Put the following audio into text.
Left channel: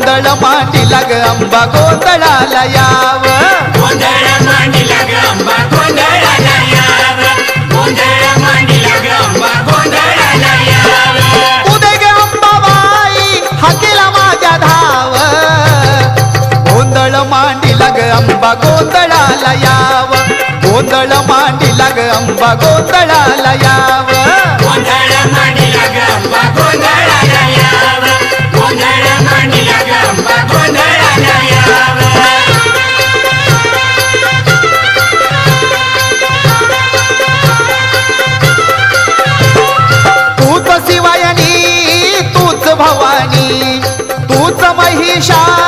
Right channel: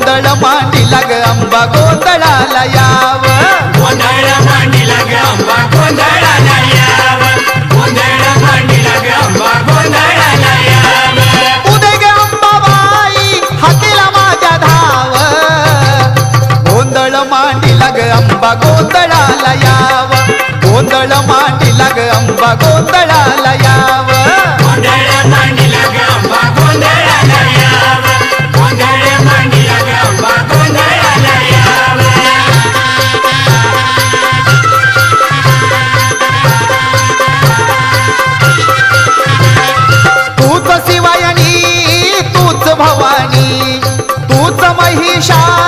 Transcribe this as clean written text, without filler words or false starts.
गोंधळ मांडीला ग अंबा गोंधळाला याव उदय ग अंबाबाई हाकेला माझ्या धाव गोंधळ मांडीला ग अंबा गोंधळाला याव गोंधळ मांडीला ग अंबा गोंधळाला याव तूच शिवायनी तूच भवानी तूच महिषासुरमर्दिनी